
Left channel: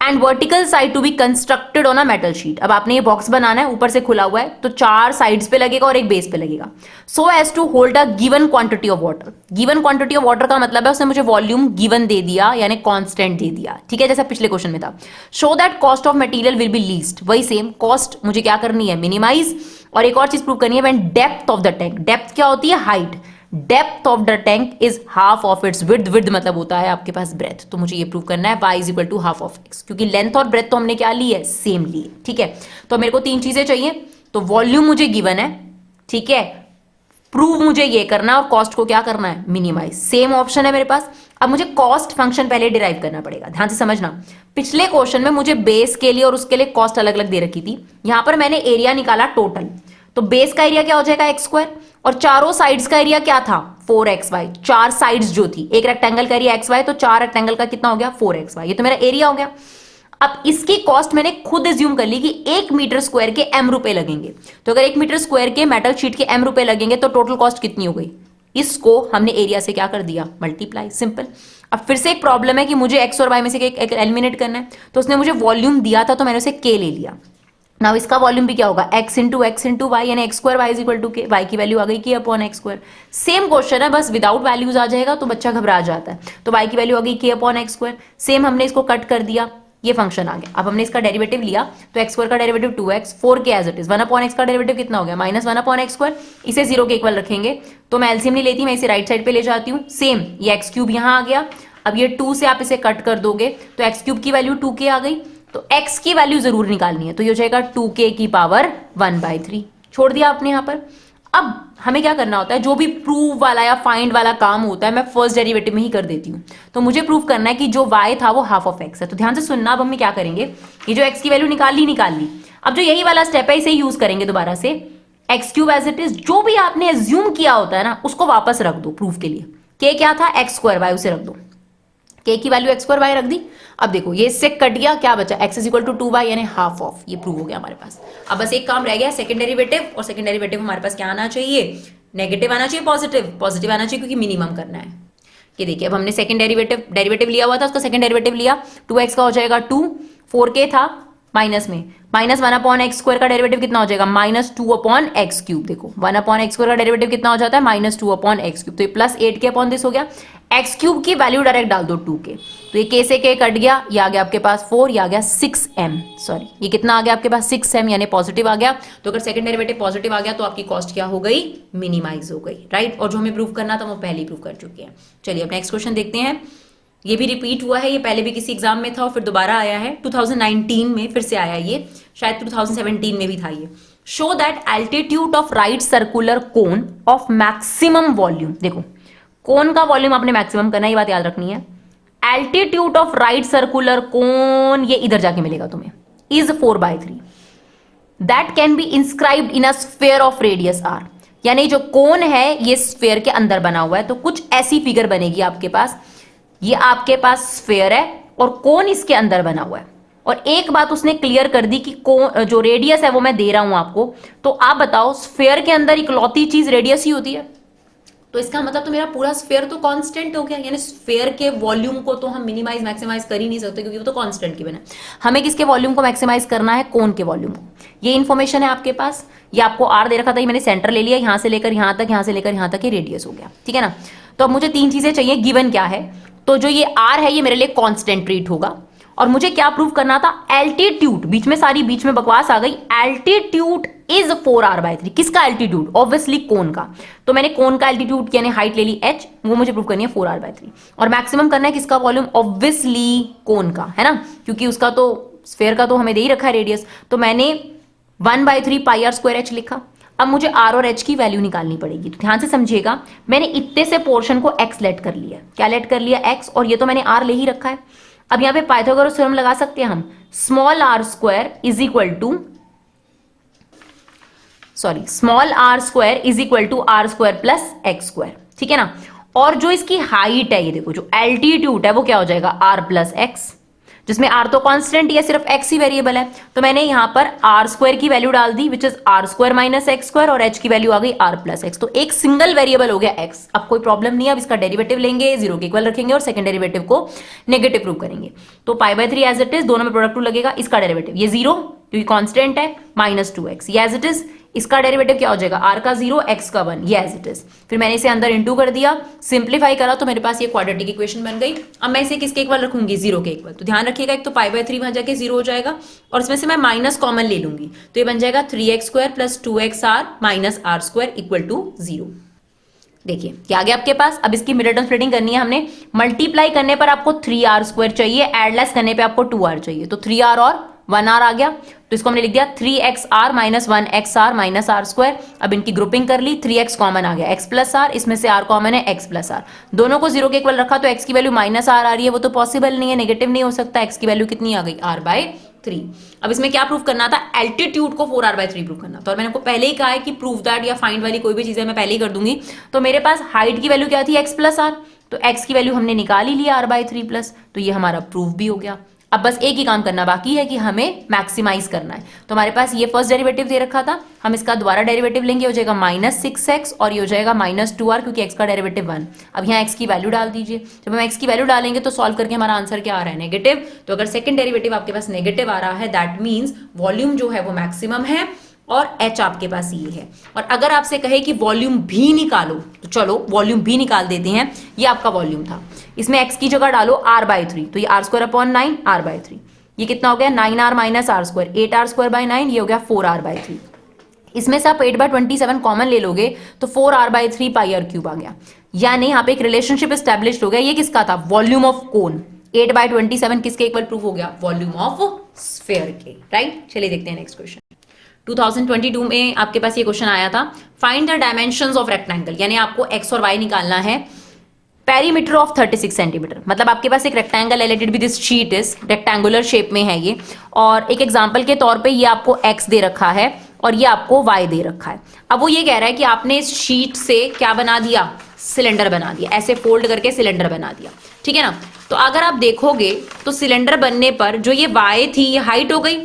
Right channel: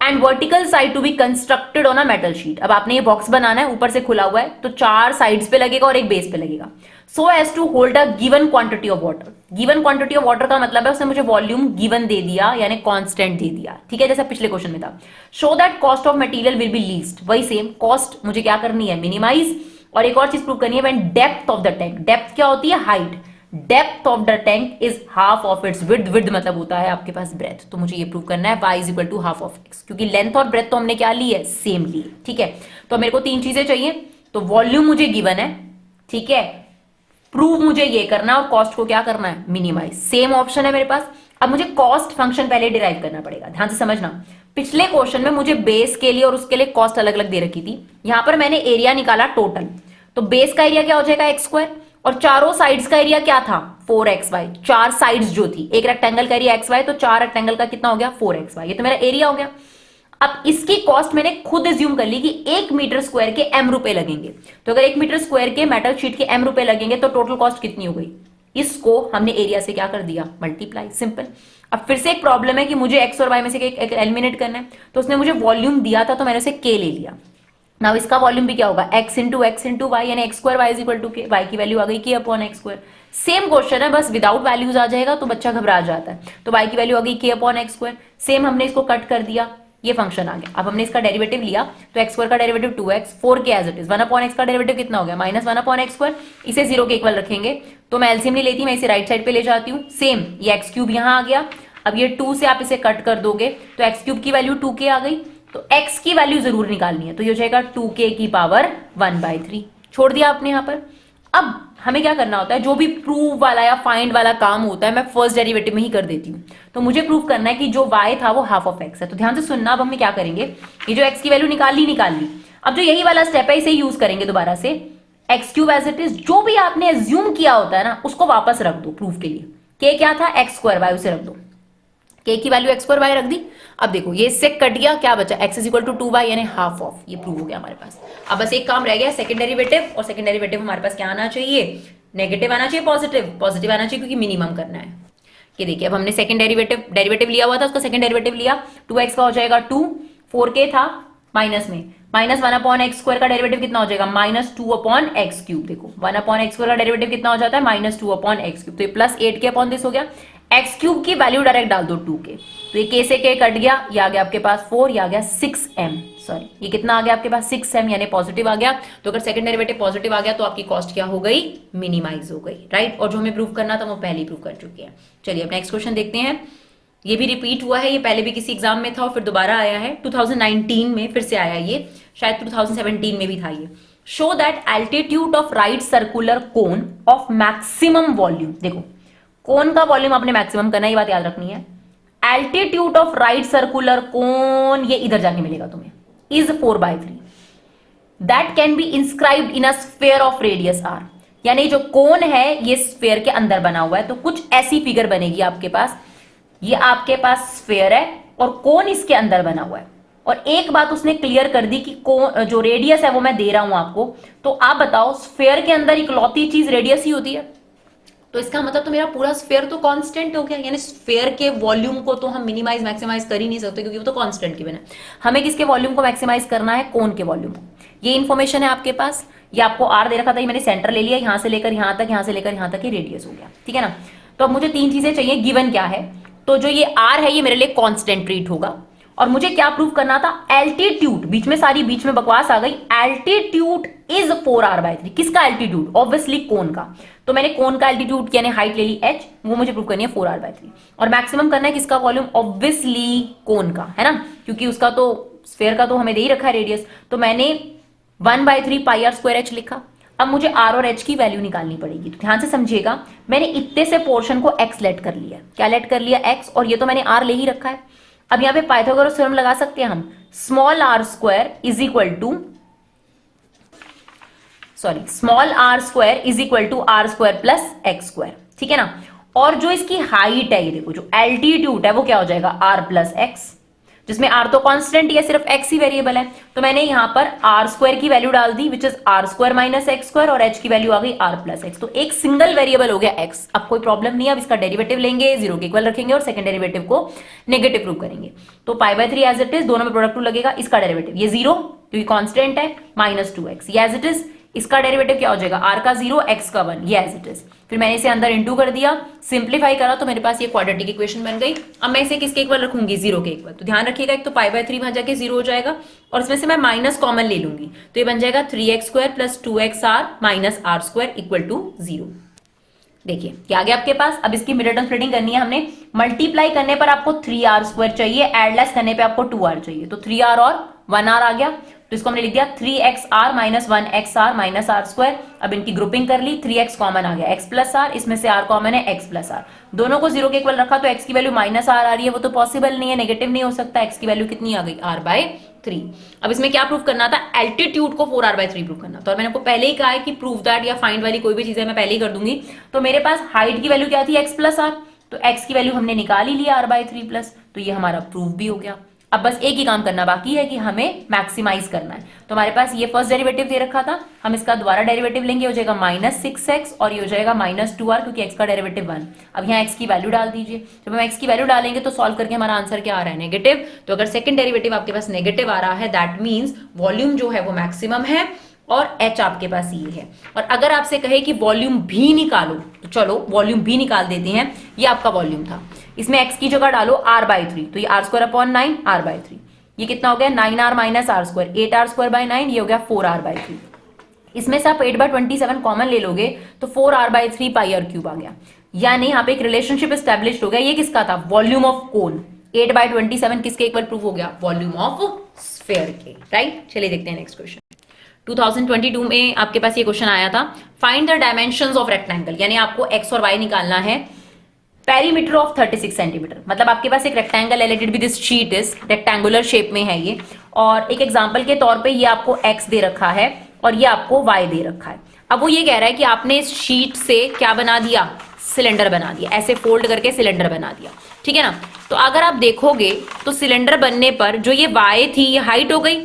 and vertical side to be constructed on a metal sheet. अब आपने ये बॉक्स बनाना है, ऊपर से खुला हुआ है, तो 4 साइड्स पे लगेगा और एक बेस पे लगेगा, so as to hold a given quantity of water. Given quantity of water का मतलब है उसने मुझे वॉल्यूम गिवन दे दिया, यानी कांस्टेंट दे दिया, ठीक है, जैसा पिछले क्वेश्चन में था। Show that cost of material will be least, वही सेम कॉस्ट मुझे क्या करनी है, मिनिमाइज। और एक और चीज प्रूव करनी है, when depth of the tank, depth क्या होती है, height, depth of the tank is half of its width, width मतलब होता है आपके पास ब्रेथ, तो मुझे ये प्रूव करना है y is equal to half of x, क्योंकि लेंथ और ब्रेथ तो हमने क्या ली है, सेम ली है, ठीक है। तो मेरे को 3 चीजें चाहिए, तो वॉल्यूम मुझे गिवन है, ठीक है, प्रूव मुझे ये करना और कॉस्ट को क्या करना है, मिनिमाइज, सेम ऑप्शन है मेरे पास। अब मुझे कॉस्ट फंक्शन पहले डिराइव करना पड़ेगा, ध्यान से समझना। पिछले क्वेश्चन में मुझे बेस के लिए और उसके लिए कॉस्ट अलग अलग दे रखी थी, यहां पर मैंने एरिया निकाला टोटल, तो बेस का एरिया क्या हो जाएगा एक्स स्क्वायर, और चारों साइड्स का एरिया क्या था 4xy, 4 साइड्स जो थी, एक रेक्टेंगल का एरिया xy, तो 4 रेक्टेंगल का कितना हो गया 4xy, ये तो मेरा एरिया हो गया। अब इसकी कॉस्ट मैंने खुद एज्यूम कर ली कि 1 मीटर स्क्वायर के m रुपए लगेंगे, तो अगर 1 मीटर स्क्वायर के मेटल शीट के m रुपए लगेंगे तो टोटल कॉस्ट कितनी हो गई, इसको हमने एरिया से क्या कर दिया, मल्टीप्लाई, सिंपल। अब फिर से एक प्रॉब्लम है कि मुझे x और y में से एक एलिमिनेट करना है, तो उसने मुझे वॉल्यूम दिया था तो मैंने उसे k ले लिया। नाउ इसका वॉल्यूम भी क्या होगा, x इंटू वाई, यानी x square y is equal to k, y की वैल्यू आ गई k upon x square. Same question है, बस विदाउट वैल्यूज आ जाएगा तो बच्चा घबरा जाता है, तो y की वैल्यू आ गई k upon x square, same हमने इसको कट कर दिया, ये फंक्शन आ गया। अब हमने इसका डेरिवेटिव लिया, तो एक्स स्क्वायर का derivative 2x, 4k as it is, 1 upon x का डेरिवेटिव कितना हो गया, माइनस 1 अपॉन एक्स स्क्वायर, इसे 0 के इक्वल रखेंगे, तो मैं एलसीएम नहीं लेती, मैं इसे राइट साइड पे ले जाती हूँ, सेम ये एक्स क्यूब यहाँ आ गया। अब ये 2 से आप इसे कट कर दोगे तो एक्स क्यूब की वैल्यू 2k आ गई, तो x की वैल्यू जरूर निकालनी है, तो ये हो जाएगा 2k की पावर 1/3, छोड़ दिया आपने यहां पर। अब हमें क्या करना होता है, जो भी प्रूव वाला या फाइंड वाला काम होता है मैं फर्स्ट डेरिवेटिव में ही कर देती हूँ, तो मुझे प्रूव करना है कि जो y था वो हाफ ऑफ x है। तो ध्यान से सुनना, अब हम क्या करेंगे, ये जो x की वैल्यू निकाल ली, अब जो यही वाला स्टेप है इसे यूज करेंगे दोबारा से, x cube as it is, जो भी आपने एज्यूम किया होता है ना उसको वापस रख दो प्रूफ के लिए, k क्या था एक्स स्क्वायर, y उसे रख दो, k की वैल्यू एक्स स्क्वायर वाई रख दी। अब देखो ये इससे कट गया, क्या बचा, x is equal to 2y, यानी हाफ ऑफ, ये प्रूव हो गया हमारे पास। अब बस एक काम रह गया सेकंड डेरिवेटिव, और सेकंड डेरिवेटिव हमारे पास क्या आना चाहिए, नेगेटिव आना चाहिए, पॉजिटिव आना चाहिए, क्योंकि मिनिमम करना है। कि देखिए अब हमने सेकंड डेरिवेटिव लिया हुआ था, उसका सेकंड डेरिवेटिव लिया, 2x का हो जाएगा 2, 4k था माइनस में, माइनस 1 अपॉन एक्स स्क्वायर का डेरिवेटिव कितना हो जाएगा, माइनस 2 अपॉन एक्स क्यूब। देखो 1 अपॉन एक्स स्क्वायर का डेरिवेटिव कितना हो जाता है, माइनस 2 अपॉन एक्स क्यूब, तो ये प्लस 8k अपॉन दिस हो गया, एक्स क्यूब की वैल्यू डायरेक्ट डाल दो 2k, तो ये k से k कट गया, ये आ गया आपके पास 4, ये आ गया 6m, सॉरी ये कितना आ गया आपके पास 6m, यानी पॉजिटिव आ गया। तो अगर सेकंड डेरिवेटिव पॉजिटिव आ गया तो आपकी कॉस्ट क्या हो गई, मिनिमाइज हो गई, राइट। और जो हमें प्रूव करना था वो पहले प्रूव कर चुके हैं। चलिए अब नेक्स्ट क्वेश्चन देखते हैं, ये भी रिपीट हुआ है, ये पहले भी किसी एग्जाम में था और फिर दोबारा आया है, 2019 में फिर से आया, ये शायद 2017 में भी था ये। Show that altitude of right circular cone of maximum volume, देखो कोन का वॉल्यूम आपने मैक्सिमम करना, ये बात याद रखनी है। Altitude of right circular cone, ये इधर जाके मिलेगा तुम्हें, is 4/3, that can be inscribed in a sphere of radius r, यानी जो कोन है ये स्फीयर के अंदर बना हुआ है, तो कुछ ऐसी फिगर बनेगी आपके पास, ये आपके पास स्फीयर है और कोन इसके अंदर बना हुआ है। और एक बात उसने क्लियर कर दी कि कोन जो रेडियस है वो मैं दे रहा हूं आपको, तो आप बताओ स्फीयर के अंदर इकलौती चीज रेडियस ही होती है, तो इसका मतलब तो मेरा पूरा स्फीयर तो कांस्टेंट हो गया, यानी स्फीयर के वॉल्यूम को तो हम मिनिमाइज मैक्सिमाइज कर ही नहीं सकते, क्योंकि वो तो कांस्टेंट गिवन है। हमें किसके वॉल्यूम को मैक्सिमाइज करना है, कोन के वॉल्यूम को। ये इन्फॉर्मेशन है आपके पास, ये आपको आर दे रखा था, ये मैंने सेंटर ले लिया, यहां से लेकर यहां तक, यहां से लेकर यहां तक ये रेडियस हो गया, ठीक है ना। तो अब मुझे 3 चीजें चाहिए, गिवन क्या है, तो जो ये आर है ये मेरे लिए कांस्टेंट ट्रीट होगा, और मुझे क्या प्रूव करना था, एल्टीट्यूड, बीच में बकवास आ गई, एल्टीट्यूड इज 4r/3, किसका एल्टीट्यूड, ऑब्वियसली कोन का, तो मैंने कोन का एल्टीट्यूड यानी हाइट ले ली h, वो मुझे प्रूव करनी है 4r/3, और मैक्सिमम करना है किसका वॉल्यूम, ऑब्वियसली कोन का, है ना, क्योंकि उसका तो स्फीयर का तो हमें दे ही रखा है रेडियस, तो मैंने 1/3 पाई r स्क्वायर h लिखा। अब मुझे r और h की वैल्यू निकालनी पड़ेगी, तो ध्यान से समझिएगा, मैंने इतने से पोर्शन को x लेट कर लिया, क्या लेट कर लिया x, और ये तो मैंने r ले ही रखा है। अब यहां पे पाइथागोरस थ्योरम लगा सकते हैं हम, small r square is equal to r square plus x square, ठीक है ना। और जो इसकी हाइट है, ये देखो जो एल्टीट्यूड है वो क्या हो जाएगा r प्लस x, जिसमें r तो कांस्टेंट या सिर्फ x ही वेरिएबल है, तो मैंने यहाँ पर आर स्क्वायर की वैल्यू डाल दी which is r square minus x square, और h की वैल्यू आ गई r प्लस एक्स। तो एक सिंगल वेरिएबल हो गया x। अब कोई प्रॉब्लम नहीं है, अब इसका डेरिवेटिव लेंगे, 0 के इक्वल रखेंगे और सेकंड डेरिवेटिव को नेगेटिव प्रूव करेंगे। तो π/3 एज इट इज, दोनों में प्रोडक्ट 2 लगेगा, इसका डेरिवेटिव ये 0 क्योंकि कांस्टेंट है माइनस 2x, ये एज इट इज। इसका डेरिवेटिव क्या हो जाएगा, r का 0 x का 1, ये एज इट इज। फिर मैंने इसे अंदर इनटू कर दिया, सिंप्लीफाई करा तो मेरे पास ये क्वाड्रेटिक इक्वेशन बन गई। अब मैं इसे किसके इक्वल रखूंगी, 0 के इक्वल। तो ध्यान रखिएगा, एक तो π/3 वहां जाके 0 हो जाएगा और इसमें से मैं माइनस कॉमन ले लूंगी, तो ये बन जाएगा 3x square plus 2xr minus r square equal to 0। देखिए क्या आ गया आपके पास। अब इसकी मिड टर्म स्प्लिटिंग करनी है हमने। मल्टीप्लाई करने पर आपको 3r स्क्वायर चाहिए, एडलेस करने पे आपको 2r चाहिए, तो 3r और 1r आ गया, तो इसको हमने लिख दिया 3xr minus 1xr minus r square. अब इनकी ग्रुपिंग कर ली, 3x कॉमन आ गया, x प्लस r, इसमें से r कॉमन है, x प्लस r। दोनों को 0 के इक्वल रखा तो x की वैल्यू माइनस r आ रही है, वो तो पॉसिबल नहीं है, नेगेटिव नहीं हो सकता। x की वैल्यू कितनी आ गई, r/3। अब इसमें क्या प्रूफ करना था, एल्टीट्यूड को 4r/3 प्रूफ करना था, और मैंने आपको पहले ही कहा है कि प्रूफ दैट या फाइंड वाली कोई भी चीजें मैं पहले ही कर दूंगी। तो मेरे पास हाइट की वैल्यू क्या थी, x प्लस r, तो x की वैल्यू हमने निकाल ही लिया r/3 प्लस, तो ये हमारा प्रूफ भी हो गया। अब बस एक ही काम करना बाकी है कि हमें मैक्सिमाइज करना है। तो हमारे पास ये फर्स्ट डेरिवेटिव दे रखा था, हम इसका दोबारा डेरिवेटिव लेंगे, हो जाएगा माइनस 6x और ये हो जाएगा माइनस 2r, क्योंकि x का डेरिवेटिव 1। अब यहाँ x की वैल्यू डाल दीजिए, जब हम x की वैल्यू डालेंगे तो सॉल्व करके हमारा आंसर क्या आ रहा है, नेगेटिव। तो अगर सेकंड डेरिवेटिव आपके पास नेगेटिव आ रहा है, दैट मीन्स वॉल्यूम जो है वो मैक्सिमम है और h आपके पास ये है। और अगर आपसे कहे कि वॉल्यूम भी निकालो, तो चलो वॉल्यूम भी निकाल देते हैं। ये आपका वॉल्यूम था, इसमें x की जगह डालो r/3, तो ये r स्क्वायर अपॉन 9 r/3, ये कितना हो गया 9r minus r square, 8r square by 9, ये हो गया 4r/3। इसमें से आप 8/27 कॉमन ले लोगे तो 4r/3 πr³ आ गया, यानी यहाँ पे एक रिलेशनशिप एस्टेब्लिश हो गया। ये किसका था, वॉल्यूम ऑफ कोन। 8/27 किसके इक्वल प्रूफ हो गया, वॉल्यूम ऑफ स्फीयर के, राइट। चलिए देखते हैं नेक्स्ट क्वेश्चन। 2022 में आपके पास ये क्वेश्चन आया था, find the dimensions of rectangle, यानी आपको x और y निकालना है। पेरीमीटर ऑफ 36 सेंटीमीटर, मतलब आपके पास एक rectangle elated with this sheet is, rectangular shape में है ये, और एक एग्जांपल के तौर पे ये आपको x दे रखा है और ये आपको y दे रखा है। अब वो ये कह रहा है कि आपने इस शीट से क्या बना दिया, सिलेंडर बना दिया, ऐसे फोल्ड करके सिलेंडर बना दिया, ठीक है ना। तो अगर आप देखोगे तो सिलेंडर बनने पर जो ये y थी ये हाइट हो गई,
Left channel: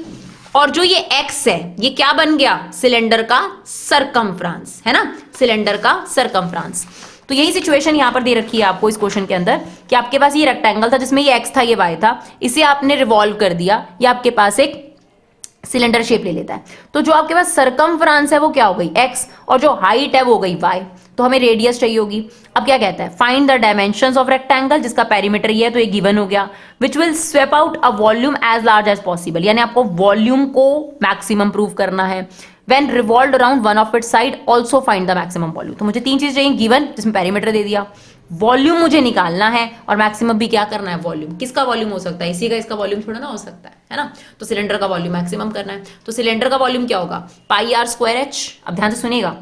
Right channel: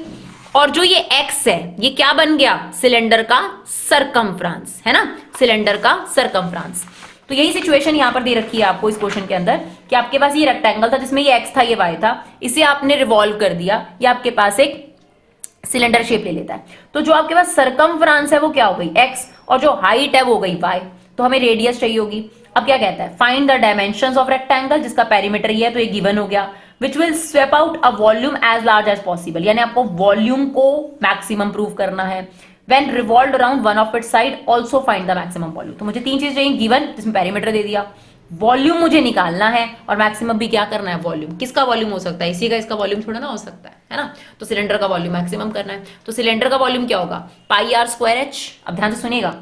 और जो ये x है ये क्या बन गया, सिलेंडर का सरकमफ्रेंस, है ना, सिलेंडर का सरकमफ्रेंस। तो यही सिचुएशन यहां पर दे रखी है आपको इस क्वेश्चन के अंदर, कि आपके पास ये रेक्टेंगल था जिसमें ये x था ये y था, इसे आपने रिवॉल्व कर दिया, ये आपके पास एक सिलेंडर शेप ले लेता है। तो जो आपके पास सरकमफ्रेंस है वो क्या हो गई x, और जो हाइट है वो हो गई y, तो हमें रेडियस चाहिए होगी। अब क्या कहता है, find the dimensions of rectangle, जिसका पेरीमीटर ये है तो ये गिवन हो गया, which will sweep out a volume as large as possible, यानी आपको वॉल्यूम को मैक्सिमम प्रूव करना है। When revolved around one of its side, also find the maximum volume। तो मुझे 3 चीज चाहिए, गिवन जिसमें पेरीमीटर दे दिया, वॉल्यूम मुझे निकालना है, और मैक्सिमम भी क्या करना है, वॉल्यूम। किसका वॉल्यूम हो सकता है, इसी का, इसका वॉल्यूम थोड़ा ना हो सकता है ना। तो सिलेंडर का वॉल्यूम मैक्सिमम करना है, तो सिलेंडर का वॉल्यूम क्या होगा, πr²h। अब ध्यान से सुनिएगा,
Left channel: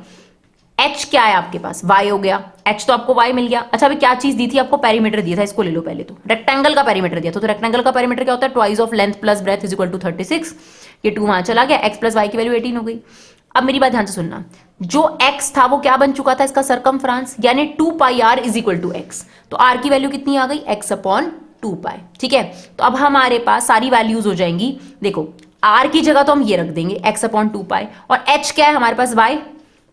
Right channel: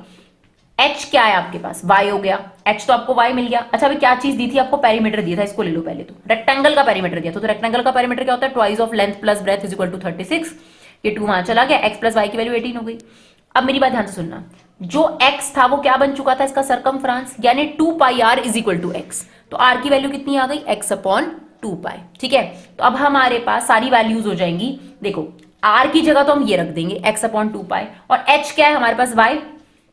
h क्या है आपके पास, y हो गया, h तो आपको y मिल गया। अच्छा अभी क्या चीज दी थी आपको, पेरीमीटर दिया था, इसको ले लो पहले। तो रेक्टेंगल का पेरीमीटर दिया था, तो रेक्टेंगल का पेरीमीटर क्या होता है, twice of length plus breadth is equal to 36। ये 2 वहां चला गया, x प्लस y की वैल्यू 18 हो गई। अब मेरी बात ध्यान से सुनना, जो x था वो क्या बन चुका था, इसका सरकमफ्रेंस, यानी 2πr is equal to x। तो r की वैल्यू कितनी आ गई, x अपॉन 2π, ठीक है। तो अब हमारे पास सारी वैल्यूज हो जाएंगी। देखो r की जगह तो हम ये रख देंगे x अपॉन 2π, और h क्या है हमारे पास,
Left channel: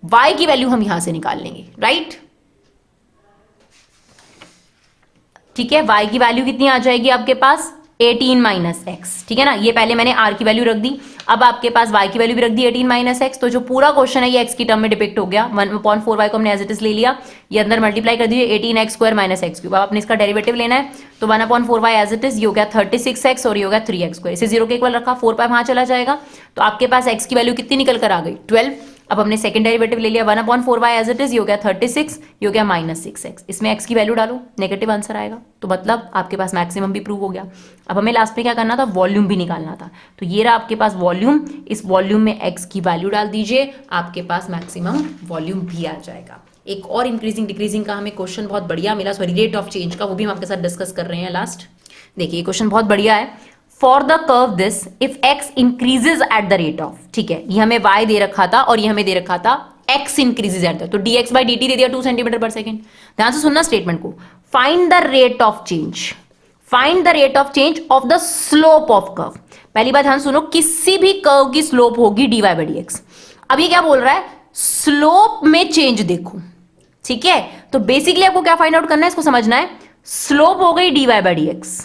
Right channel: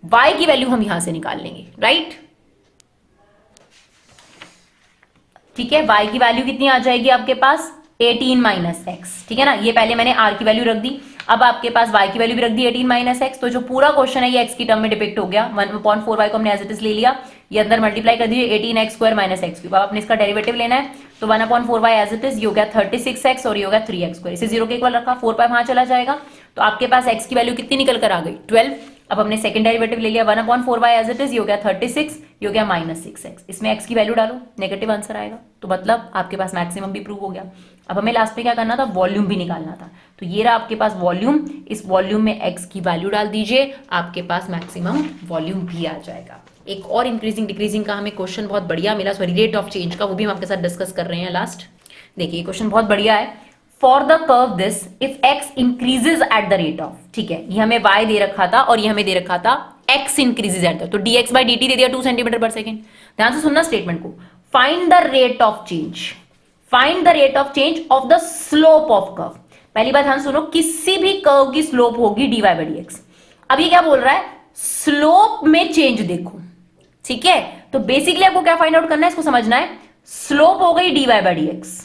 y की वैल्यू हम यहां से निकाल लेंगे, राइट। ठीक है, y की वैल्यू कितनी आ जाएगी आपके पास, 18 माइनस एक्स, ठीक है ना। ये पहले मैंने r की वैल्यू रख दी, अब आपके पास y की वैल्यू भी रख दी 18 माइनस एक्स। तो जो पूरा क्वेश्चन है ये x की टर्म में डिपिक्ट हो गया, 1/4y को हमने एज इट इज ले लिया, ये अंदर मल्टीप्लाई कर दीजिए 18x square minus x cube. अब आपने इसका डेरिवेटिव लेना है, तो 1/4y एज इट इज, ये हो गया 36x और ये हो गया 3x स्क्वायर। इसे 0 के इक्वल रखा, 4π वहां चला जाएगा, तो आपके पास x की वैल्यू कितनी निकल कर आ गई, 12। अब हमने सेकंड डेरिवेटिव ले लिया, 1/4y एज इट इज, ये हो गया 36, ये हो गया -6x। इसमें x की वैल्यू डालो, नेगेटिव आंसर आएगा, तो मतलब आपके पास मैक्सिमम भी प्रूव हो गया। अब हमें लास्ट में क्या करना था, वॉल्यूम भी निकालना था। तो ये रहा आपके पास वॉल्यूम, इस वॉल्यूम में x की वैल्यू डाल दीजिए, आपके पास मैक्सिमम वॉल्यूम भी आ जाएगा। एक और इंक्रीजिंग डिक्रीजिंग का हमें क्वेश्चन बहुत बढ़िया मिला, सॉरी रेट ऑफ चेंज का, वो भी हम आपके साथ डिस्कस कर रहे हैं लास्ट। देखिए क्वेश्चन बहुत बढ़िया है। For the curve this if x increases at the rate of, ठीक है, ये हमें y दे रखा था और ये हमें दे रखा था x इंक्रीजेज एट द, तो dx/dt दे दिया 2 सेंटीमीटर पर सेकेंड। ध्यान से सुनना स्टेटमेंट को, find the rate of change, find the rate of change of the slope of curve. पहली बात ध्यान सुनो, किसी भी कर्व की स्लोप होगी dy बाई डी एक्स। अब ये क्या बोल रहा है, स्लोप में चेंज देखो, ठीक है। तो बेसिकली आपको क्या फाइंड आउट करना है, इसको समझना है। स्लोप हो गई dy बाई डी एक्स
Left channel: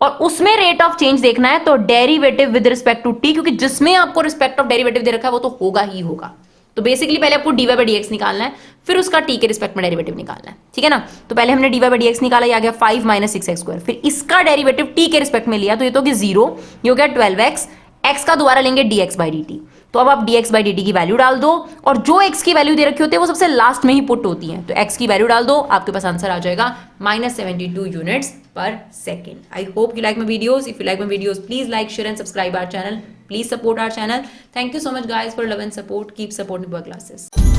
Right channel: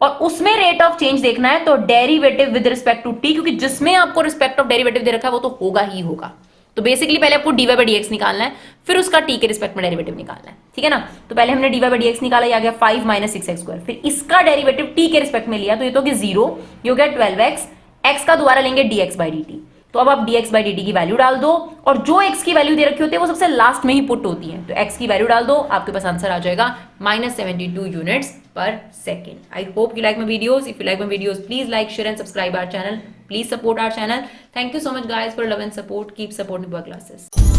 और उसमें रेट ऑफ चेंज देखना है, तो derivative with respect to t, क्योंकि जिसमें आपको रिस्पेक्ट ऑफ डेरिवेटिव दे रखा है वो तो होगा ही होगा। तो बेसिकली पहले आपको dy बाई डी एक्स निकालना है, फिर उसका t के रिस्पेक्ट में डेरिवेटिव निकालना है, ठीक है ना। तो पहले हमने dy बाई डी एक्स निकाला, ये आ गया 5 माइनस 6x²। फिर इसका डेरिवेटिव t के रिस्पेक्ट में लिया तो ये तो कि 0, ये हो गया 12x। x का दोबारा लेंगे dx बाई dt। तो अब आप dx बाई dt की वैल्यू डाल दो, और जो x की वैल्यू दे रखी होती है वो सबसे लास्ट में ही पुट होती है। तो x की वैल्यू डाल दो, आपके पास आंसर आ जाएगा -72 units per second. I hope you like my videos. If you like my videos, please like, share and subscribe our channel. Please support our channel. Thank you so much guys for love and support. Keep supporting our classes.